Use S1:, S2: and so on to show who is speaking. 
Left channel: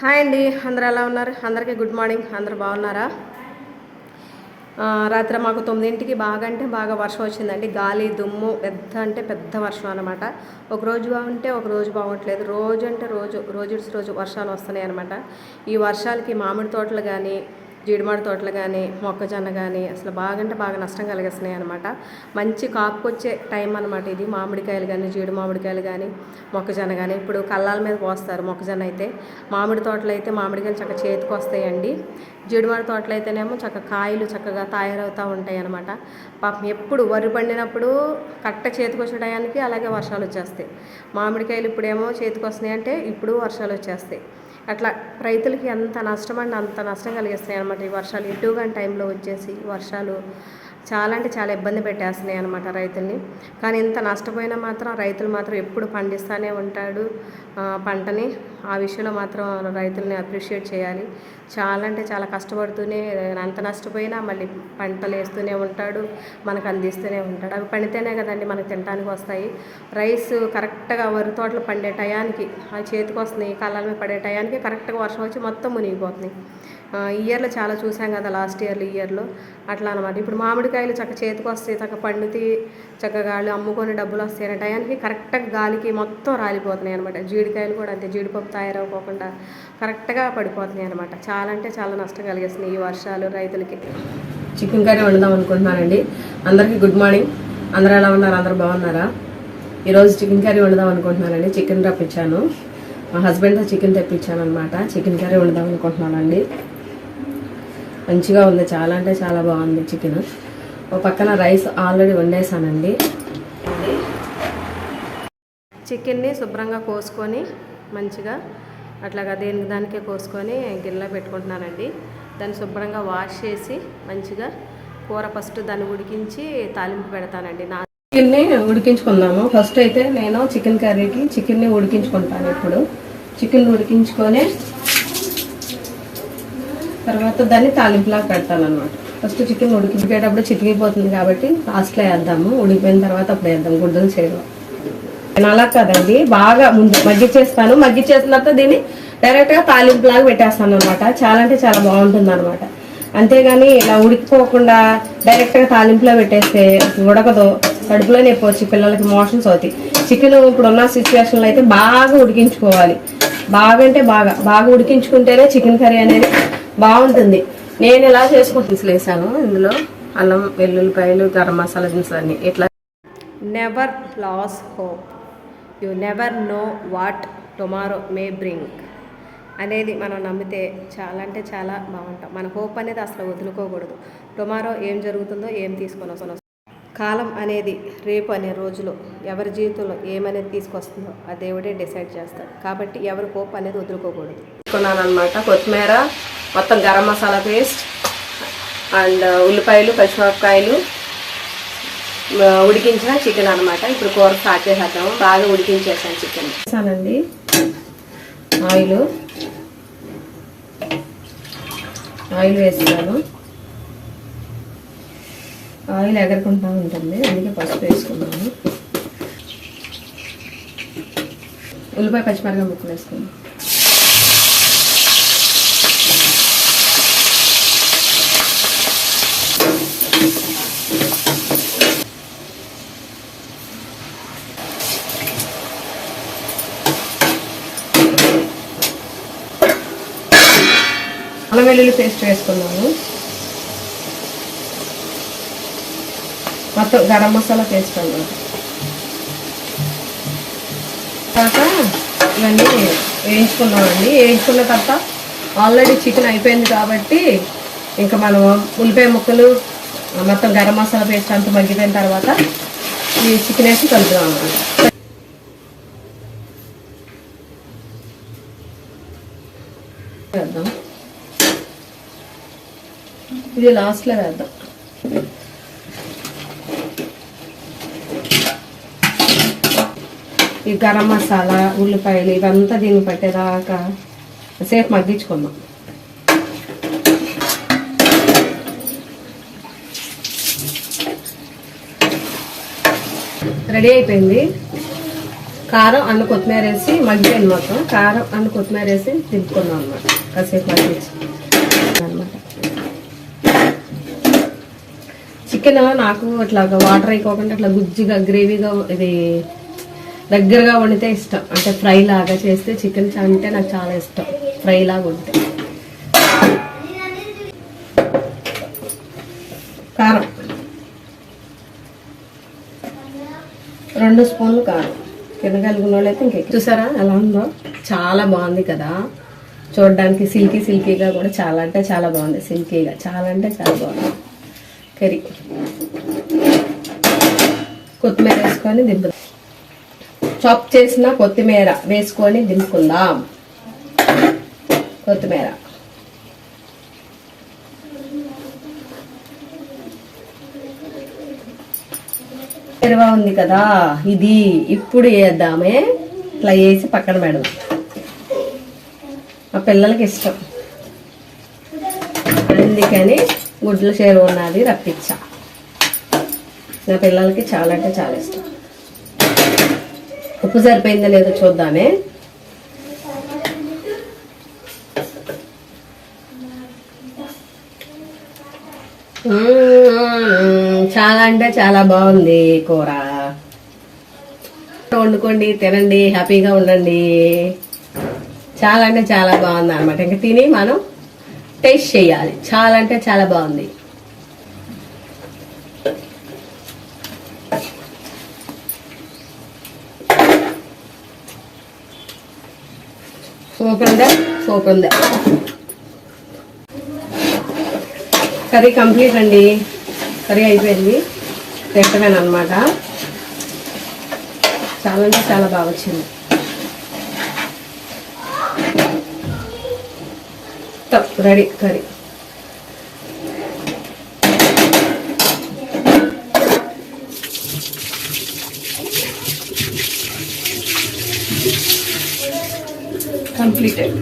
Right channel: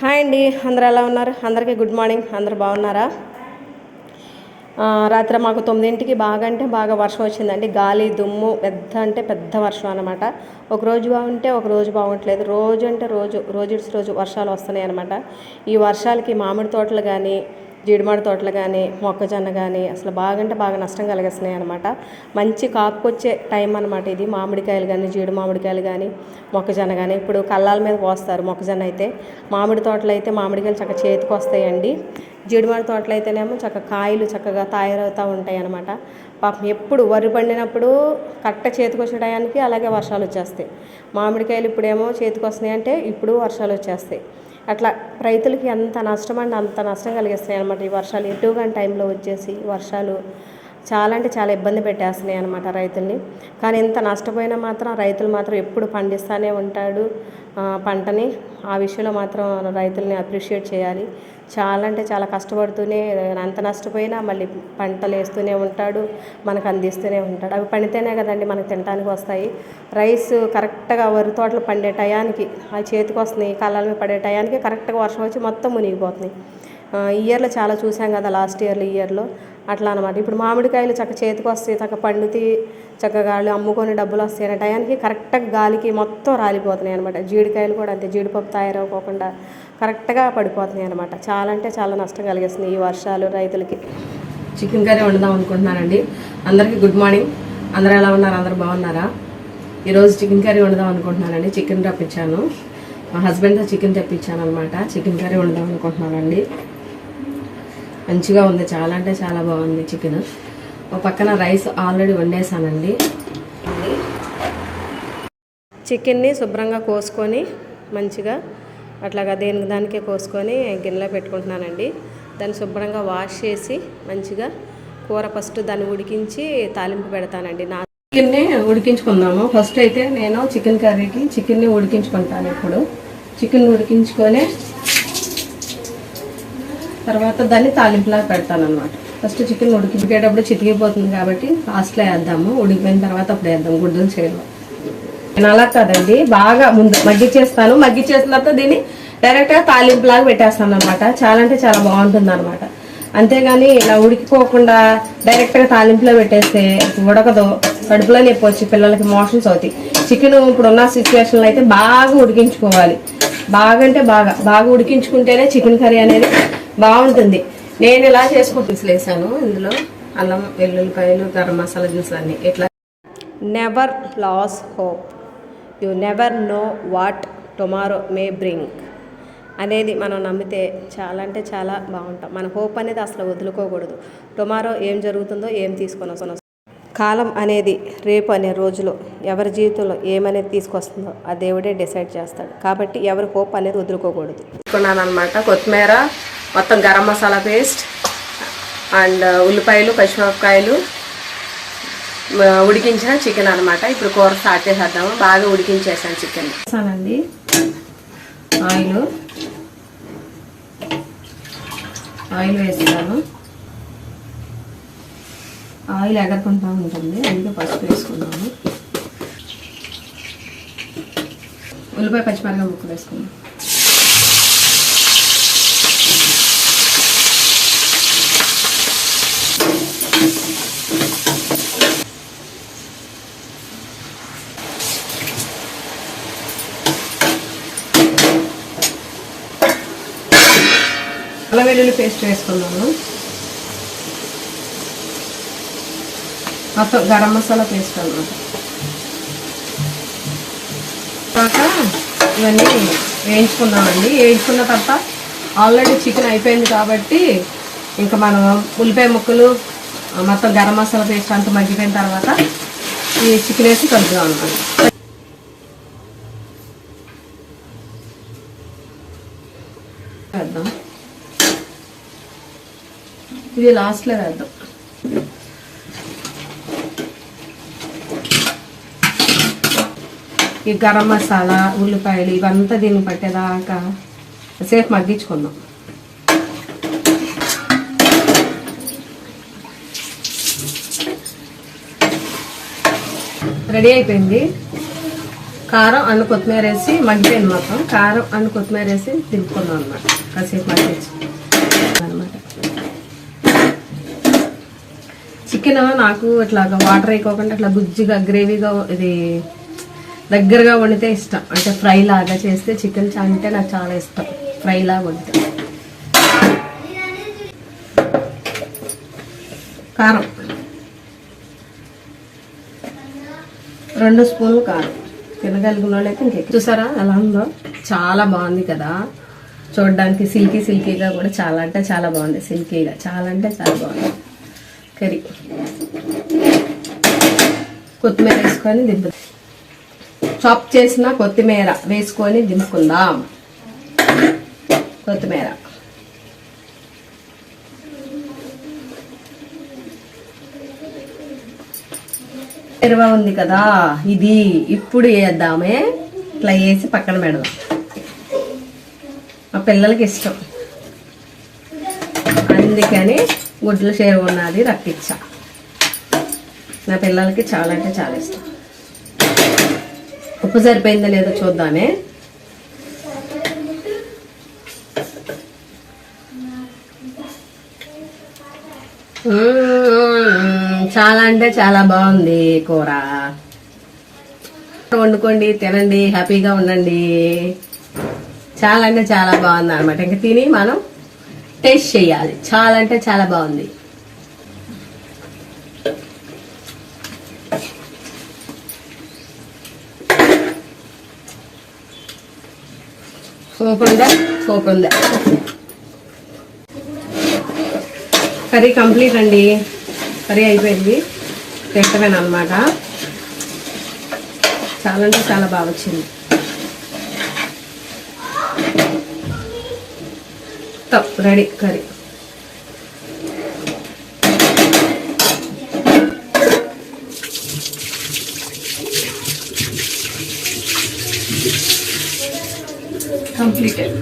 S1: Hi అండి అందరు ఎలా ఉన్నారు? అందరికీ గుడ్ మార్నింగ్. అందరు బాగున్నారా? రాత్రి మాకు తొమ్మిదింటికి బాగా అంటే బాగా వర్షం వచ్చిందండి. గాలి దుమ్ము పెద్ద అంటే పెద్ద వర్షం అనమాట ఒక రోజు బాగుంటే ఒక రోజు బాగుంటలేదు. రోజు అంటే రోజు రోజు రోజు వర్షాలు వస్తున్నాయి అనమాట ఈ వర్షాలకి మామిడి తోటలు కానీ జీడిమాడి తోటలు కానీ మొక్కజొన్న కానీ అసలు బాగా అంటే బాగా నష్టం కలిగిస్తున్నాయి అనమాట మంచి కాపుకొచ్చే టైం అనమాట ఇది. మామిడికాయలు కానీ జీడి మామిడికాయలు కానీ మొక్కజొన్న కానీ ఇప్పుడు కళ్ళాల మీద పోస్తారు మొక్కజొన్న అయితే. మామిడి తోటలు అయితే మామిడికాయలు చక్కగా చేతికి వస్తాయండి. జీడిమాడి తోటలు అయితేనేమో చక్కగా కాయలు చక్కగా తయారవుతూ ఉంటాయి అనమాట పాపం ఎప్పుడు వరి పండినప్పుడు కట్ట చేతికి వచ్చే టయానికి అలాగే వర్షాలు వచ్చేస్తాయి. మామిడికాయలు ఇప్పుడేమో చేతికి వస్తున్నాయి అంటే ఇప్పుడు వర్షాలు వచ్చేస్తాయి. అట్లా రైతులకి ఎంత నష్టం అంటే అంత నష్టం కలిగిస్తాయి అనమాట ఈ వర్షాలు. ఎటువంటి టైంలో వచ్చేసి వర్షాలు చాలా అంటే చాలా ఇబ్బంది పెట్టేస్తున్నాయి అనమాట రైతుల్ని. కానీ ఇంత నష్టపోయినా మాత్రం రైతులు మాత్రం ఎప్పుడు పండిస్తూనే ఉంటాడు. పంటని ఆ విషయంలో మాత్రం రైతుల్ని అప్రిషియేట్ చేయాలి. చాలా అంటే చాలా కష్టపడుతూనే అంత నష్టపోయినా మళ్ళీ పంటలు వేస్తూనే ఉంటాడు మనకు అందిస్తూనే ఉంటాడు. అవి పండితేనే కదండి మనకు తినడానికి వస్తాయి. రైస్ కరెక్ట్గా వరి తోటలు పండే టయానికి ఆ చేతికి వస్తున్నాయి కళ్ళ మీద పడే టయానికి కరెక్ట్గా వర్షం వచ్చి మొత్తం మునిగిపోతున్నాయి ఇయర్లో చాలా చూసాం కదా లాస్ట్ ఇయర్లో ఇయర్లో. అట్లా అనమాట ఇప్పుడు మామిడికాయలు చక్క చేతికి వస్తాయి చక్క పండుతి చక్కగా వాళ్ళు అమ్ముకొని డబ్బులు వస్తాయి అనే టయానికి కరెక్ట్గా గాలికి మొత్తం రాలిపోతున్నాయి అనమాట జీడికాయలు కూడా అంతే జీడిపప్పు తయారవ్వకుండా కరెక్ట్గా పడిపోతున్నాయి అనమాట చాలా అంటే చాలా నష్టం కలిగిస్తున్నాయి ఈ వర్షాలు రైతులకి. చికెన్ కర్రీ వండుదాం అనుకుంటున్నానండి. అందరికీ గుడ్ మార్నింగ్. అందరూ ఎలా ఉన్నారు? అందరూ బాగున్నారా? ఈరోజు చికెన్ కర్రీ వండుదాం అనుకుంటున్నానండి. చికెన్ రప్పించాను మా హస్బెండ్తో చికెన్ తెప్పించాను అనమాట చికెన్ కర్రీ వండుదాం అనుకుంటున్నానండి. మంచిగా ఉంది. చాలా అంటే చాలా బాగుంది చికెన్ ఒక పక్కన రైస్ ఆల్రెడీ వండేసానండి. చికెన్ని శుభ్రంగా కోసుకొని మంచిగా అట్లాగా దేనికి దానికే కోసుకొని గిన్నెలో పెట్టుకుంటున్నానండి. దాన్ని శుభ్రంగా వాష్ చేసి మంచిగా కూర ఫస్ట్ దాన్ని ఉడికించి తాలింపు పెడతానండి. నా చికెన్ని ఉడికించుకుందాము. ఫస్ట్ అయితే నేను చికెన్ కర్రీకి చికెన్ని ఉడికించుకుంటాను ఇప్పుడు. చికెన్ ఉడికించుకొని తర్వాత దాన్ని తాలింపులా పెడతాను అనమాట ఫస్ట్ చికెన్ ఉడికించేటప్పుడు చితికిపోతుంది కాబట్టి లాస్ట్లో వేద్దాము. ఉడికిపోయిన తర్వాత అప్పుడు వేద్దాం. గుడ్డలు చేయడం నేను అలా కదండి. బాగా ముందు మగ్గిచ్చేస్తాను మగ్గిచ్చేసిన తర్వాత దీన్ని డైరెక్ట్గా తాలింపులాగా పెట్టేస్తాను అనమాట చాలా అంటే చాలా బాగుంటుంది అనమాట అంతేగాని ఇలా ఉడికిపోకుండా డైరెక్ట్గా తాలింపులో పెట్టేస్తే ఉడకదు. కడుపులో నొప్పి వచ్చి పిల్లలకి మోషన్స్ అవుతాయి. చికెన్ ఇప్పుడు ఉన్న సిచ్యువేషన్లో అయితే బాగా ఉడికించుకోవాలి. బాగా అంటే బాగా. బాగా ఉడికించుకుంటేనే చికెన్ కర్రీ అనేది బాగుంటుంది. నేను ఇలా చేసుకుంటూ వేసాను ఇందులో అల్లం వెల్లుల్లిపాయలు గరం మసాలా దినుసులు అన్ని. ఇట్లా never lose hope you never know what tomorrow may bring అనేది మనం నమ్మితే చాలా అంటే చాలా బాగుంటాం. మన హోప్ అనేది అసలు వదులుకోకూడదు. టుమారో ఏం జరుగుతుందో ఏం తీసుకొని వస్తుందో కాలం అనేది రేపు అనే రోజులో ఎవరి జీవితంలో ఏమనేది తీసుకొస్తుందో ఆ దేవుడే డిసైడ్ చేస్తాడు. కాబట్టి ఎవరి హోప్ అనేది వదులుకోకూడదు. తీసుకున్నాను అనమాట కొత్తిమీర మొత్తం garam masala paste and uh, ఉల్లిపాయలు పచ్చిమిరపకాయలు uh, ఉడికించిన చికెన్ అన్నమాట. ఇప్పుడు కూర స్టార్ట్ చేసేద్దాము. బాగా ఉడికించేసాను చికెన్. వేసానండి ఆయిల్. ఆయిల్ వేస్తాను ఆయిల్ ఎగరకుండా ఉంటుంది. అందుకే పసుపు వేసుకున్నాను. ఉల్లిపాయ పచ్చిమిరపకాయ ముక్కలు వేసుకున్నాను. అల్లం వెల్లుల్లి పేస్ట్ వేసుకున్నాము మొత్తం గరం మసాలా పేస్ట్ అన్నమాట. తర్వాత ఇవన్నీ వేయించుకున్నామండి వేయించుకున్న తర్వాత ఆల్రెడీ చికెన్ అయిపోయింది కాబట్టి ఇంకా మనం ఉల్లిపాయ ముక్కలు మొత్తం గరం మసాలా పేస్ట్ అంతా మగ్గిపోయిన తర్వాత ఈ చికెన్ వేసి కలుపుదాం అనమాట వేద్దాం ఇది లాస్ట్లో వేద్దాం ఈ గరం మసాలా ఉల్లిపాయలు ఇవంతా దీన్ని పట్టేదాకా సేపు మగ్గించుకుందాం. రెడీ అయిపోయింది. కారం అండ్ కొత్తిమీర వేసి మగ్గిపోయింది మొత్తం. కారం అండ్ కొత్తిమీర వేసి తిప్పుకున్నాం అన్నమాట. కాసేపు మగ్గించి అనమాట చికెన్ నాకు ఇట్లా వాటర్ అయిపోకుండా అట్లా గుజ్జుగా గ్రేవీగా ఇది దగ్గరగా వండితే ఇష్టం. అంటే ఫ్రై లాగా చేస్తే చికెన్ అంటే నాకు చాలా ఇష్టం. ఫ్రై లాగా వండితే. కారం. రెండు స్పూన్లు కారం. తినగలిగిన వాళ్ళు అయితే చూసారా? ఎలా ఉందో? చాలా బాగుంది కదా. చూడడానికి సిల్కీ సిల్కీగా కూడా చాలా అంటే చాలా బాగుంది. సిల్కీగా. చాలా అంటే చాలా బాగుంది. కర్రీ. కొత్తిమీర వేసుకొని దింపు చాప్ చేసిన కొత్తిమీర వేసుకొని దింపుకుందాం. కొత్తిమీర. ఎరవా ఉంది కదా ఇది ఇప్పుడు వేద్దామే. ఇట్లా వేసి పక్కన పెడదాం. మా పిల్లలకి ఇష్టం. అందుకని గుడ్లు షేర్ ఉన్నది రప్పించా నా పిల్లలకి చాలా అంటే చాలా ఇష్టం. ఉప్పు సరిపోయిందో లేదో చూద్దామే. చాలా అంటే చాలా బాగుంది కూర. వండుకోండి తినండి హ్యాపీగా ఉండండి. చాలా అంటే చాలా బాగుంది అనమాట ఇంకా తిని మనం టేస్ట్ చేయాలి. చాలా అంటే చాలా బాగుంది. సూపర్ ఉందా సూపర్ ఉందా కర్రీ కంప్లీట్ అండి. కర్రీ అయిపోయింది. పెట్టమేనమాట చాలా అంటే చాలా బాగా వచ్చింది. తప్పు రెడీ కర్రీ కంప్లీటెడ్